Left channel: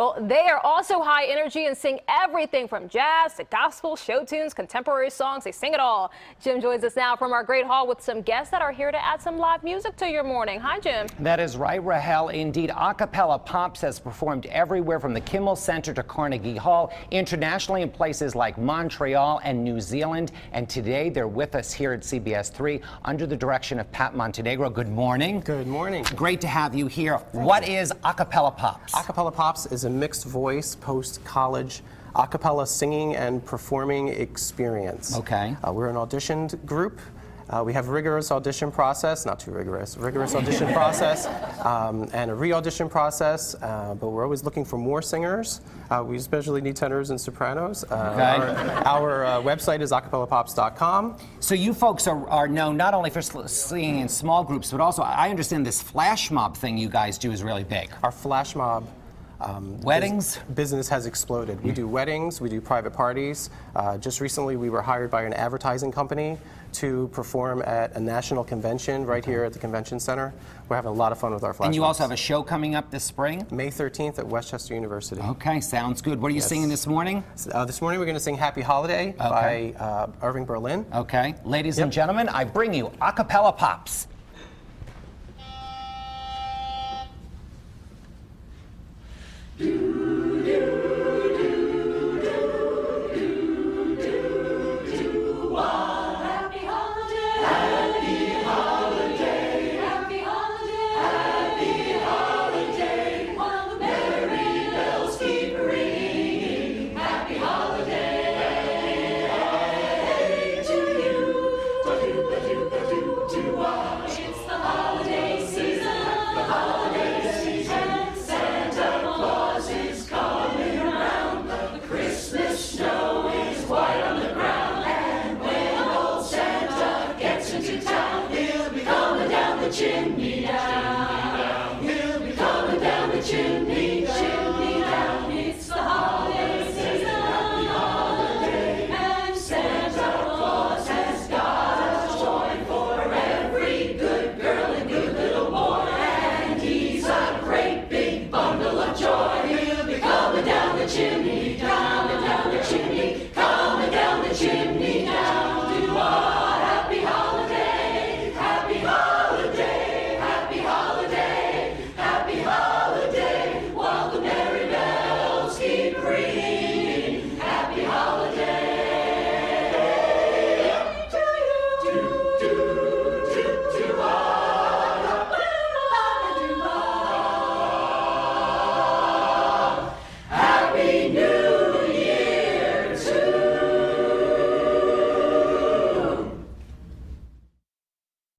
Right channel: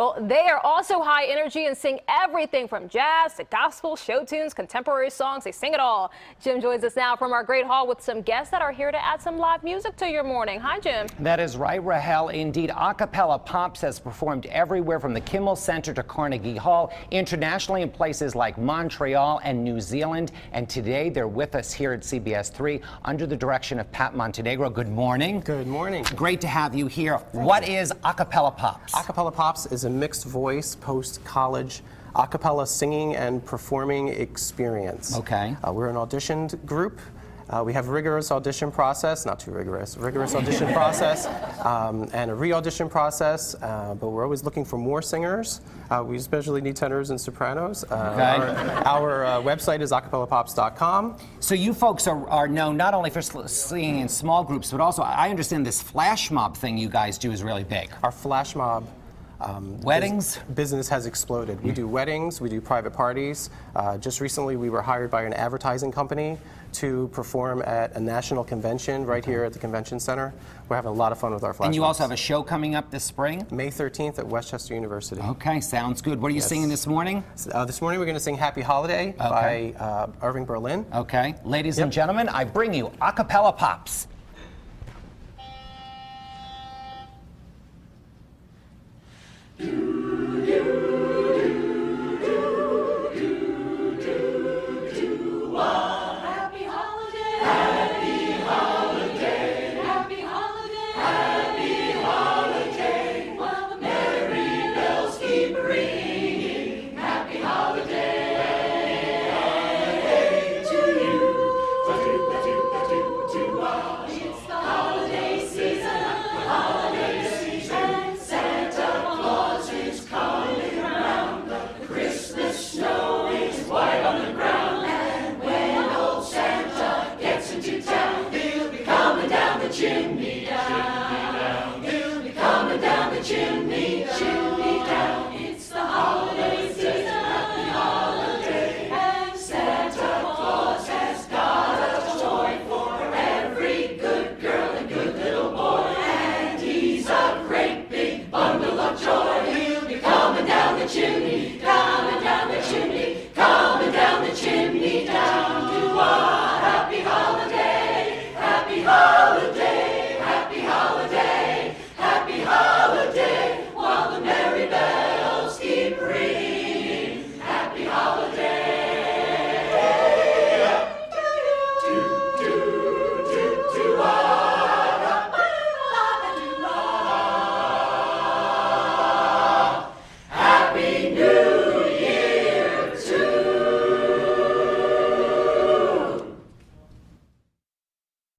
Well, they are also high energy and sing everything from jazz to gospel, show tunes, contemporary songs. They sing it all. Jim joins us now from our great hall with some guests that are here to add some live music to your morning. Hi, Jim. That is right, Rahel. Indeed, Cappella Pops has performed everywhere from the Kimmel Center to Carnegie Hall, internationally in places like Montreal and New Zealand. And today they're with us here at CBS 3 under the direction of Pat Montenegro. Good morning. Good morning. Great to have you here. What is Cappella Pops? Cappella Pops is a mixed voice post-college a cappella singing and performing experience. Okay. We're an auditioned group. We have a rigorous audition process, not too rigorous audition process, and a re-audition process, but we're always looking for more singers. We especially need tenors and sopranos. Our website is acapellapops.com. So you folks are known not only for singing in small groups, but also, I understand this flash mob thing you guys do is really big. Our flash mob weddings? Business has exploded. We do weddings, we do private parties. Just recently we were hired by an advertising company to perform at a national convention right here at the convention center. We're having a lot of fun with our flash And you mobs. also have a show coming up this spring? May 13th at Westchester University. Okay, sounds good. What are you singing this morning? This morning we're going to sing Happy Holiday by Irving Berlin. Okay. Ladies and gentlemen, I bring you Cappella Pops.